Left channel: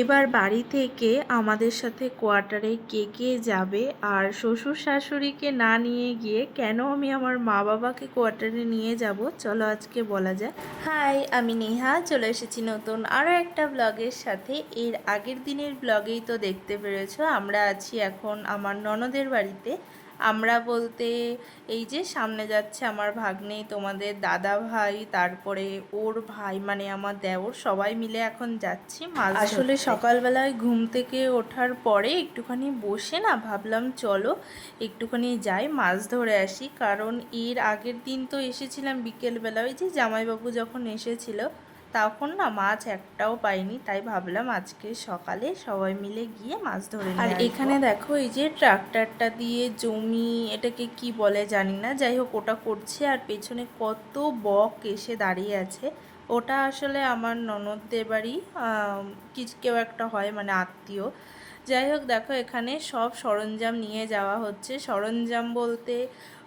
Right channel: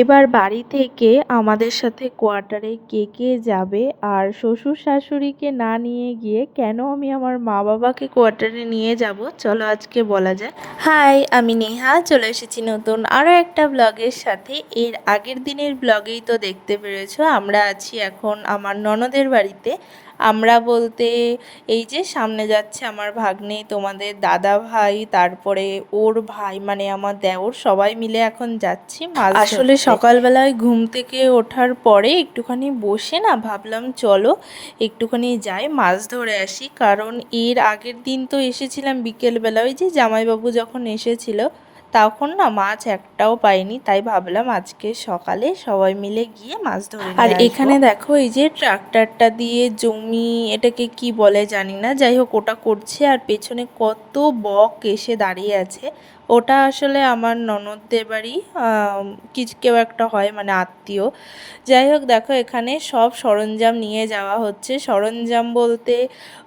এবার বাড়ি থেকে আমাদের সাথে কোয়ার্টারে কে কে যাবে আর শ্বশুর শাশুড়িকে না নিয়ে গিয়ে কেন আমি আমার মা বাবাকে কোয়ার্টারে নিয়ে যাব? চলো আজকে বলা যায় হাই, আমি নেহা, চলে এসেছি নতুন আরও একটা ব্লগের সাথে। এর আগের দিনের ব্লগেই তো দেখতে পেরেছ, আমরা আছি এখন আমার ননদের বাড়িতে। আমরা বলতে এই যে সামনে যাচ্ছে আমার ভাগ্নে, তোমাদের দাদা ভাই, তারপরে ওর ভাই মানে আমার দেওর, সবাই মিলে এখন যাচ্ছি মাছ আসলে সকালবেলায় ঘুম থেকে ওঠার পরে একটুখানি বসে না ভাবলাম, চলো একটুখানি যাই, মাছ ধরে আসি। কারণ এর আগের দিন তো এসেছিলাম বিকেলবেলা, ওই যে জামাইবাবু যখন এসেছিল তখন না মাছ একটাও পাইনি তাই ভাবলাম আজকে সকালে সবাই মিলে গিয়ে মাছ ধরে আর এখানে দেখো এই যে ট্রাক্টরটা দিয়ে জমি এটাকে কি বলে জানি না যাই হোক ওটা করছে আর পেছনে কত বক এসে দাঁড়িয়ে আছে। ওটা আসলে আমার ননদদের বাড়ি আম, কেউ একটা হয় মানে আত্মীয়। যাই হোক দেখো এখানে সব সরঞ্জাম নিয়ে যাওয়া হচ্ছে। সরঞ্জাম বলতে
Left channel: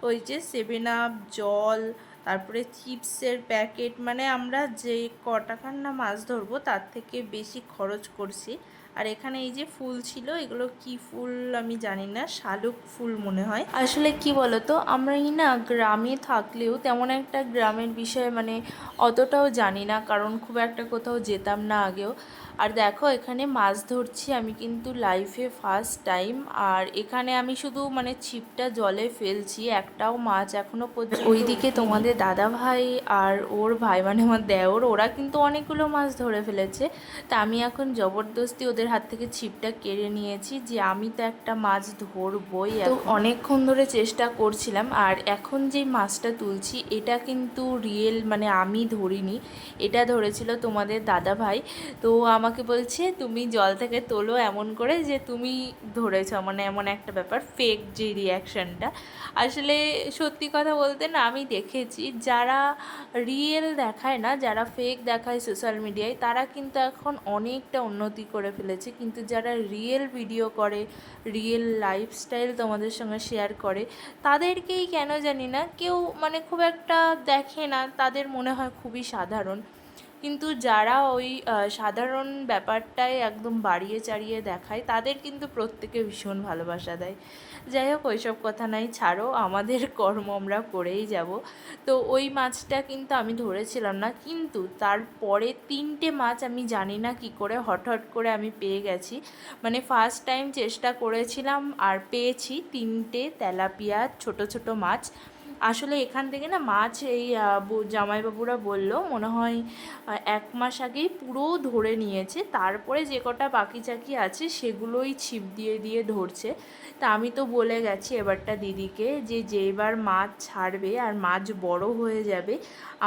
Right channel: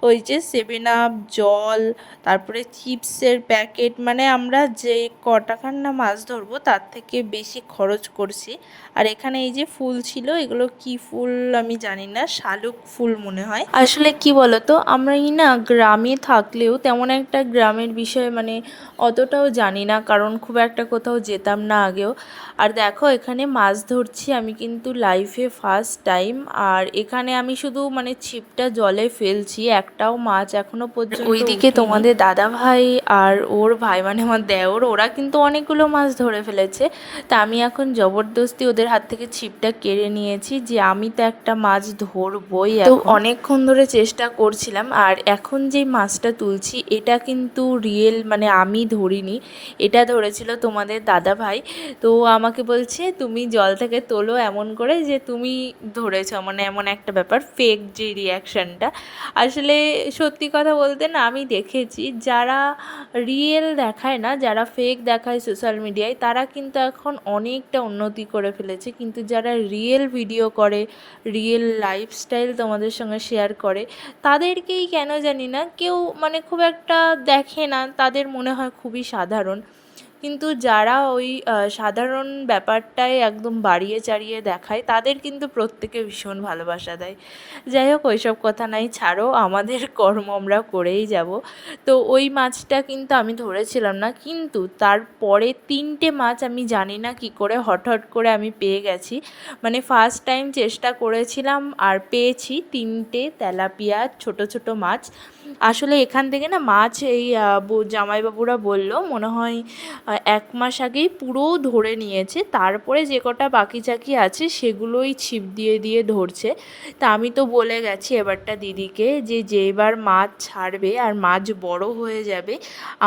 ওই যে সেভেন আপ জল তারপরে চিপসের প্যাকেট মানে আমরা যে কটাকার না মাছ ধরবো তার থেকে বেশি খরচ করছি। আর এখানে এই যে ফুল ছিল এগুলো কি ফুল আমি জানি না শালুক ফুল মনে হয়। আসলে কি বলতো আমরা এই না গ্রামে থাকলেও তেমন একটা গ্রামের বিষয়ে মানে অতটাও জানি না কারণ খুব একটা কোথাও যেতাম না আগেও। আর দেখো এখানে মাছ ধরছি আমি কিন্তু লাইফে ফার্স্ট টাইম আর এখানে আমি শুধু মানে ছিপটা জলে ফেলছি একটাও মাছ এখনও পর্যন্ত ওইদিকে তোমাদের দাদা ভাই আর ওর ভাই মানে আমার দেওর ওরা কিন্তু অনেকগুলো মাছ ধরে ফেলেছে। তা আমি এখন জবরদস্তি ওদের হাত থেকে ছিপটা কেড়ে নিয়েছি যে আমি তো একটা মাছ ধরবই তো অনেকক্ষণ ধরে চেষ্টা করছিলাম আর এখন যে মাছটা তুলছি এটা কিন্তু রিয়েল মানে আমি ধরিনি। এটা ধরেছিল তোমাদের দাদা ভাই। তো আমাকে বলছে, তুমি জল থেকে তোলো এমন করে যে তুমি ধরেছো। মানে এমন একটা ব্যাপার ফেক যে রিয়াকশানটা আসলে সত্যি কথা বলতে না, আমি দেখেছি যারা রিয়েল দেখায় না, যারা ফেক দেখায় সোশ্যাল মিডিয়ায় তারা কিন্তু এখন অনেকটা উন্নতি করে ফেলেছে। কিন্তু যারা রিয়েল ভিডিও করে রিয়েল লাইফস্টাইল তোমাদের সঙ্গে শেয়ার করে, তাদেরকেই কেন জানি না, কেউ মানে খুব একটা দেখে না। তাদের মনে হয় খুবই সাধারণ। কিন্তু যারা ওই সাধারণ ব্যাপারটাই একদম বাড়িয়ে চাড়িয়ে দেখায়, তাদের কিন্তু প্রত্যেকে ভীষণ ভালোবাসা দেয়। যাই হোক, ওইসব কথা নাই, ছাড়ো, আমাদের কর্ম আমরা করেই যাব। তো ওই মাছটা কিন্তু আমি ধরেছিলাম না, কিন্তু তারপরে তিনটে মাছ আমি জানি না কি করে হট করে আমি পেয়ে গেছি। মানে ফার্স্ট টাইম চেষ্টা করেছিলাম আর পেয়েছি তিনটে তেলাপিয়া, ছোট ছোট মাছ। আসলে এখান থেকে না মাছ এই জামাইবাবুরা বলল, মনে হয় এক মাস আগেই পুরো ধরে নিয়েছে, তারপরে যে কটা বাকি চাকি আছে সেগুলোই ছিপ দিয়ে দিয়ে ধরছে। তা আমি তো বলে গেছি এবারটা দিদিকে যে যেবার মাছ ছাড়বে আর মাছ বড় হয়ে যাবে,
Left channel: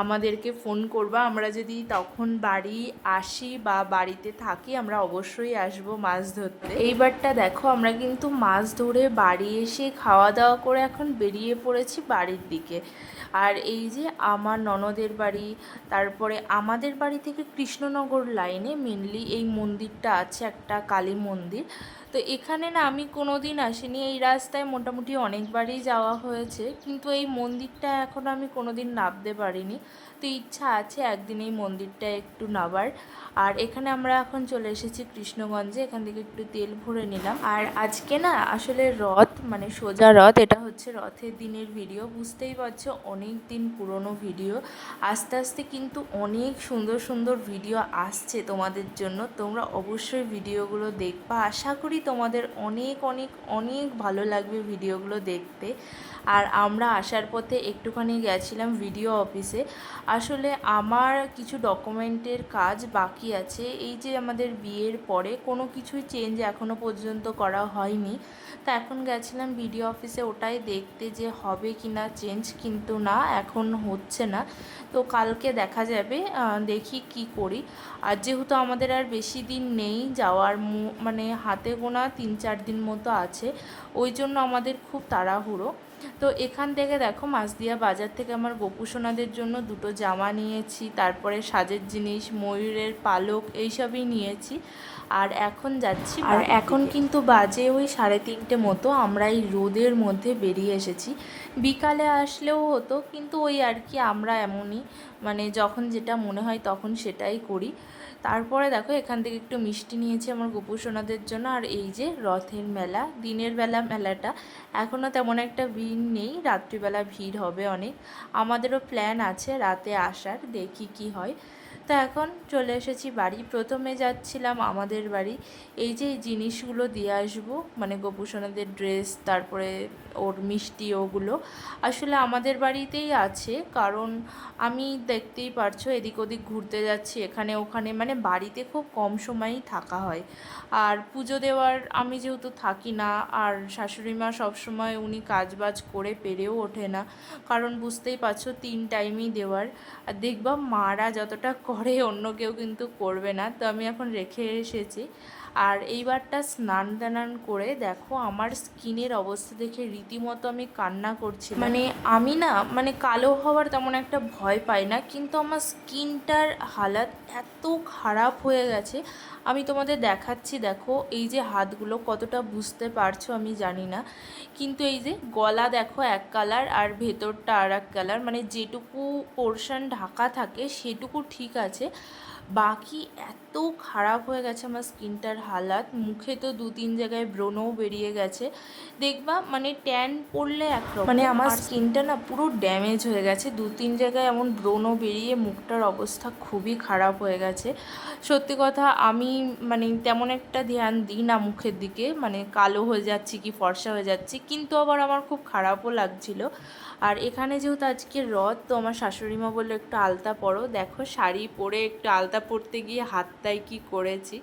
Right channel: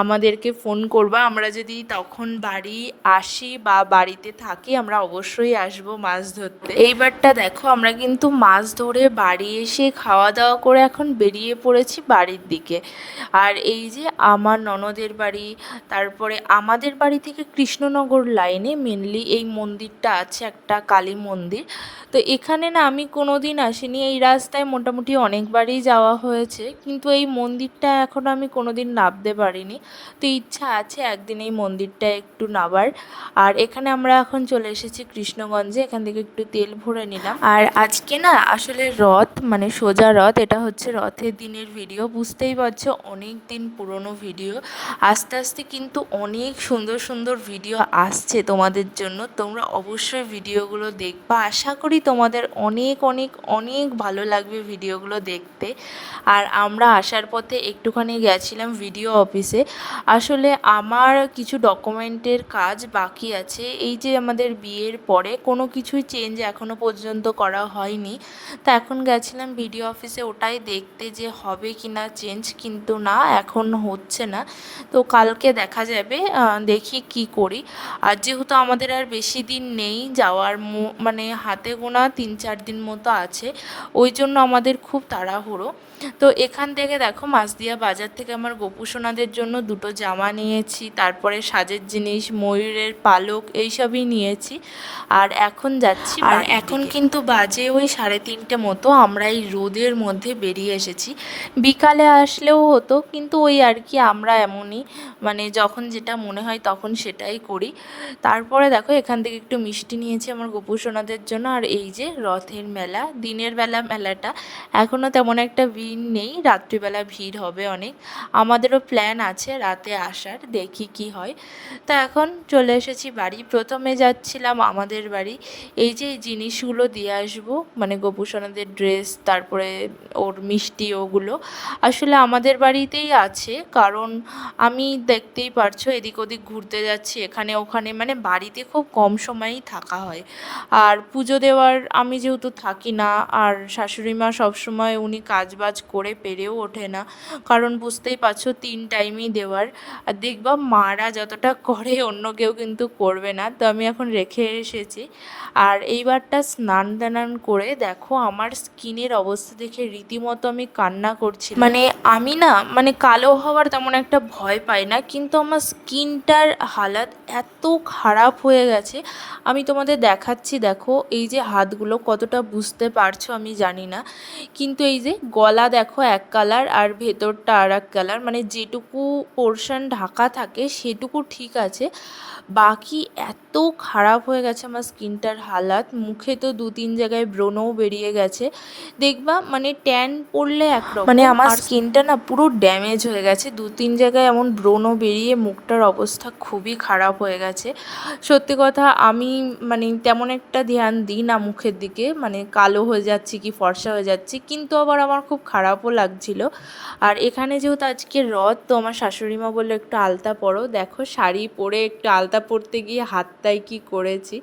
আমাদেরকে ফোন করবা, আমরা যদি তখন বাড়ি আসি বা বাড়িতে থাকি, আমরা অবশ্যই আসব মাছ ধরতে। এইবারটা দেখো, আমরা কিন্তু মাছ ধরে বাড়ি এসে খাওয়া দাওয়া করে এখন বেরিয়ে পড়েছি বাড়ির দিকে। আর এই যে আমার ননদের বাড়ি, তারপরে আমাদের বাড়ি থেকে কৃষ্ণনগর লাইনে মেনলি এই মন্দিরটা আছে, একটা কালী মন্দির। তো এখানে না আমি কোনো দিন আসিনি, এই রাস্তায় মোটামুটি অনেকবারই যাওয়া হয়েছে। কিন্তু এই মন্দিরটা এখনও আমি কোনো দিন নামতে পারিনি। তো ইচ্ছা আছে একদিন এই মন্দিরটা একটু নাবার আর এখানে আমরা এখন চলে এসেছি কৃষ্ণগঞ্জে, এখান থেকে একটু তেল ভরে নিলাম। আর আজকে না আসলে রথ মানে সোজা রথ, এটা হচ্ছে রথের দিনের ভিডিও বুঝতেই পারছ অনেক দিন পুরনো ভিডিও। আস্তে আস্তে কিন্তু অনেক সুন্দর সুন্দর ভিডিও আসছে তোমাদের জন্য। তোমরা অবশ্যই ভিডিওগুলো দেখবা। আশা করি তোমাদের অনেক অনেক অনেক ভালো লাগবে ভিডিওগুলো দেখতে। আর আমরা আসার পথে একটুখানি গেছিলাম ভিডিও অফিসে। আসলে আমার কিছু ডকুমেন্টের কাজ বাকি আছে। এই যে আমাদের বিয়ের পরে কোনো কিছুই চেঞ্জ এখনও পর্যন্ত করা হয়নি। তো এখন গেছিলাম ভিডিও অফিসে, ওটাই দেখতে যে হবে কি না চেঞ্জ কিন্তু না, এখন হচ্ছে না। তো কালকে দেখা যাবে দেখি কি করি। আর যেহেতু আমাদের আর বেশি দিন নেই যাওয়ার মানে হাতে গোনা তিন চার দিন মতো আছে, ওই জন্য আমাদের খুব তাড়াহুড়ো। তো এখান থেকে দেখো মাছদিয়া বাজার থেকে আমার গোপুসোনাদের জন্য দুটো জামা নিয়েছি তারপরে সাজের জিনিস ময়ূরের পালক এইসবই নিয়েছি। আর এখন যাচ্ছি আর এখন কিন্তু বাজে ওই সাড়ে তিনটে মতো আমরা এই রোদের মধ্যে বেরিয়ে এসেছি। বিকালে আসলেও হতো কিন্তু ওই আর কি আমরা এমনই মানে যখন যেটা মনে হয় তখন সেটাই করি। তারপরে দেখো এখান থেকে একটু মিষ্টি নিয়েছি আমার গোপুসোনাদের জন্য আর এই যে রথের মেলা দিনের বেলা মেলাটা। এখনও তেমন একটা ভিড় নেই, রাত্রিবেলা ভিড় হবে অনেক। আমাদেরও প্ল্যান আছে রাতে আসার, দেখি কি হয়। তা এখন চলে এসেছি বাড়ি। প্রথমে যাচ্ছিলাম আমাদের বাড়ি। এই যে জিনিসগুলো দিয়ে আসব মানে গোপুসোনাদের ড্রেস তারপরে ওর মিষ্টি ওগুলো, আসলে আমাদের বাড়িতেই আছে। কারণ আমি দেখতেই পারছ, এদিক ওদিক ঘুরতে যাচ্ছি। এখানে ওখানে মানে বাড়িতে খুব কম সময়ই থাকা হয়। আর পুজো দেওয়ার আমি যেহেতু থাকি না, আর শাশুড়ি মা সবসময় উনি কাজবাজ করে পেরেও ওঠে না। কারণ বুঝতেই পারছ, তিন টাইমই দেওয়ার। আর দেখবা মারা যতটা করে, অন্য কেউ কিন্তু করবে না। তো আমি এখন রেখে এসেছি। আর এইবারটা স্নান টানান করে দেখো, আমার স্কিনের অবস্থা দেখে রীতিমতো আমি কান্না করছি মানে আমি না মানে কালো হওয়ার তেমন একটা ভয় পাই না, কিন্তু আমার স্কিনটার হালাত এত খারাপ হয়ে গেছে। আমি তোমাদের দেখাচ্ছি, দেখো, এই যে হাতগুলো কতটা বুঝতে পারছ আমি জানি না। কিন্তু এই যে গলা দেখো এক কালার আর ভেতরটা আর এক কালার মানে যেটুকু পোর্শন ঢাকা থাকে সেটুকু ঠিক আছে। বাকি এত খারাপ হয়ে গেছে আমার স্কিনটার হালাত। মুখে তো দু তিন জায়গায় ব্রণও বেরিয়ে গেছে। দেখবা মানে ট্যান পড়লে একরকম। মানে আমার স্কিনটা না পুরো ড্যামেজ হয়ে গেছে। দু তিন জায়গায় এমন ব্রণও বেরিয়ে মুখটার অবস্থা খুবই খারাপ হয়ে গেছে। সত্যি কথা আমি মানে তেমন একটা ধ্যান দিই না মুখের দিকে। মানে কালো হয়ে যাচ্ছি কি ফর্সা হয়ে যাচ্ছি। কিন্তু আবার আমার খুব খারাপও লাগছিল। আর এখানে যেহেতু আজকে রথ, তো আমার শাশুড়ি মা বলল একটু আলতা পরো। দেখো শাড়ি পরে একটু আলতা পরতে গিয়ে হাতটাই কি করেছি।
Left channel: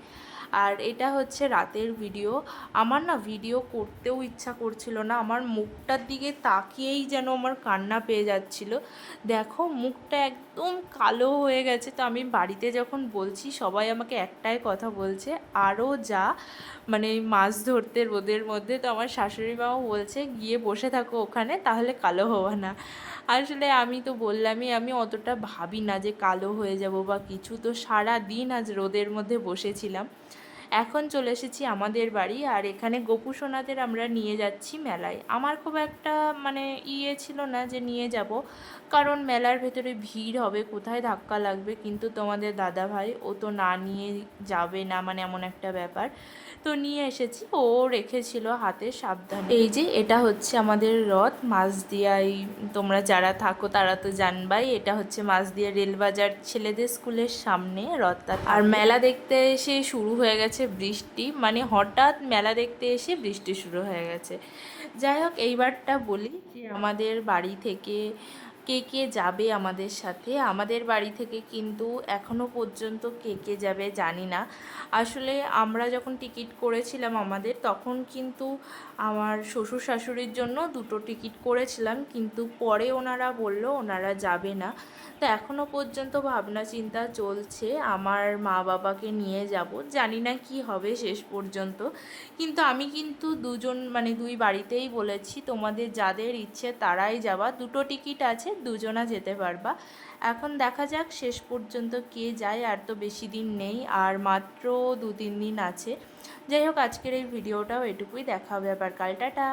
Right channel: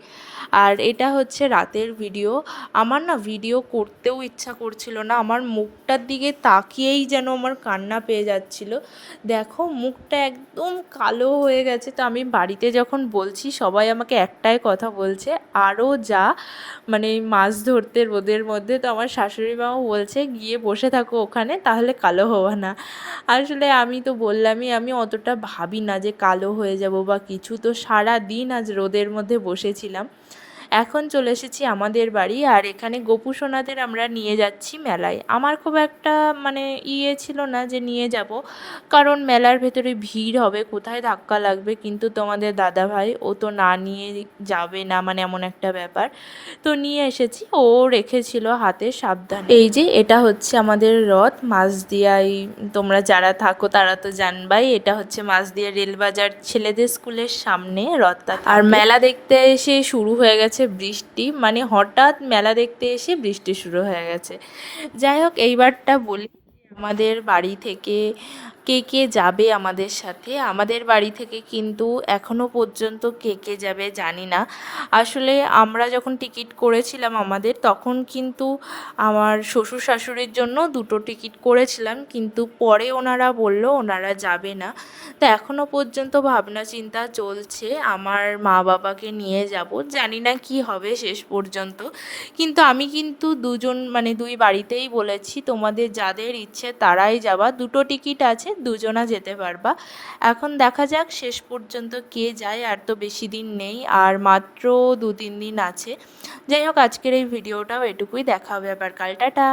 আর এটা হচ্ছে রাতের ভিডিও। আমার না ভিডিও করতেও ইচ্ছা করছিল না। আমার মুখটার দিকে তাকিয়েই যেন আমার কান্না পেয়ে যাচ্ছিল। দেখো মুখটা একদম কালো হয়ে গেছে। তো আমি বাড়িতে যখন বলছি, সবাই আমাকে একটাই কথা বলছে আরও যা। মানে মাছ ধরতে রোদের মধ্যে, তো আমার শাশুড়ি মাও বলছে, গিয়ে বসে থাকো ওখানে, তাহলে কালো হওয়া না। আসলে আমি তো বললামই, আমি অতটা ভাবি না যে কালো হয়ে যাব বা কিছু। তো সারা দিন আজ রোদের মধ্যে বসেছিলাম। এখন চলে এসেছি আমাদের বাড়ি, আর এখানে গোপু সোনাদের আমরা নিয়ে যাচ্ছি মেলায়। আমার খুব একটা মানে ইয়ে ছিল না যে নিয়ে যাব, কারণ মেলার ভেতরে ভিড় হবে, কোথায় ধাক্কা লাগবে কিন্তু তোমাদের দাদা ভাই ও তো না নিয়ে যাবে না মানে এমন একটা ব্যাপার। তো নিয়ে এসেছি, ও রেখেছিল হাতে সাবধান। এই যে এটা হচ্ছে আমাদের রথ মাঝদিয়ায় তোমরা যারা থাকো তারা তো জানবাই, এটা হচ্ছে মাঝদিয়া রেলবাজার ছেলেদের স্কুলের সামনে রথটা আর মেলা দেখতে এসে শুরু হয়ে গেছে বৃষ্টি মানে হঠাৎ মেলা দেখতে এসে বৃষ্টি শুরু হয়ে গেছে। যাই হোক, এইবারটা বলি যে আমাদের বাড়ি থেকে কে কে যাবে আমাদের সাথে? আমাদের বাড়ি থেকে কিন্তু এখনও পর্যন্ত কে কে যাবে জানি না। আসলে আমরা যখন টিকিট করেছিলাম আমাদের, তখন কিন্তু আমার শ্বশুর শাশুড়ির জন্য দুটো টিকিট করেছিলাম, কিন্তু পরে ওনারা বলল ওনারা যাবে না। তো এখনও পর্যন্ত ভাবনা চিন্তা চলছে, আমার মা বাবাকে নিয়ে যাব। জানি না কি হবে শেষ পর্যন্ত। কিন্তু আমি কিন্তু দুজন মানে দুই বাড়িতেই বলেছি, তোমাদের যাদের ইচ্ছে তারাই যাবা। দুটো টিকিট আছে দুজনা যেতে পারবা। এখন দেখা যাক শেষ পর্যন্ত কে যায়, আর তো বেশি দিন নেই, আর মাত্র দু তিন দিন আছে। যাই হোক, আজকের এই ভিডিওটাও এটুকুই। দেখা হবে আবার কাল। টাটা!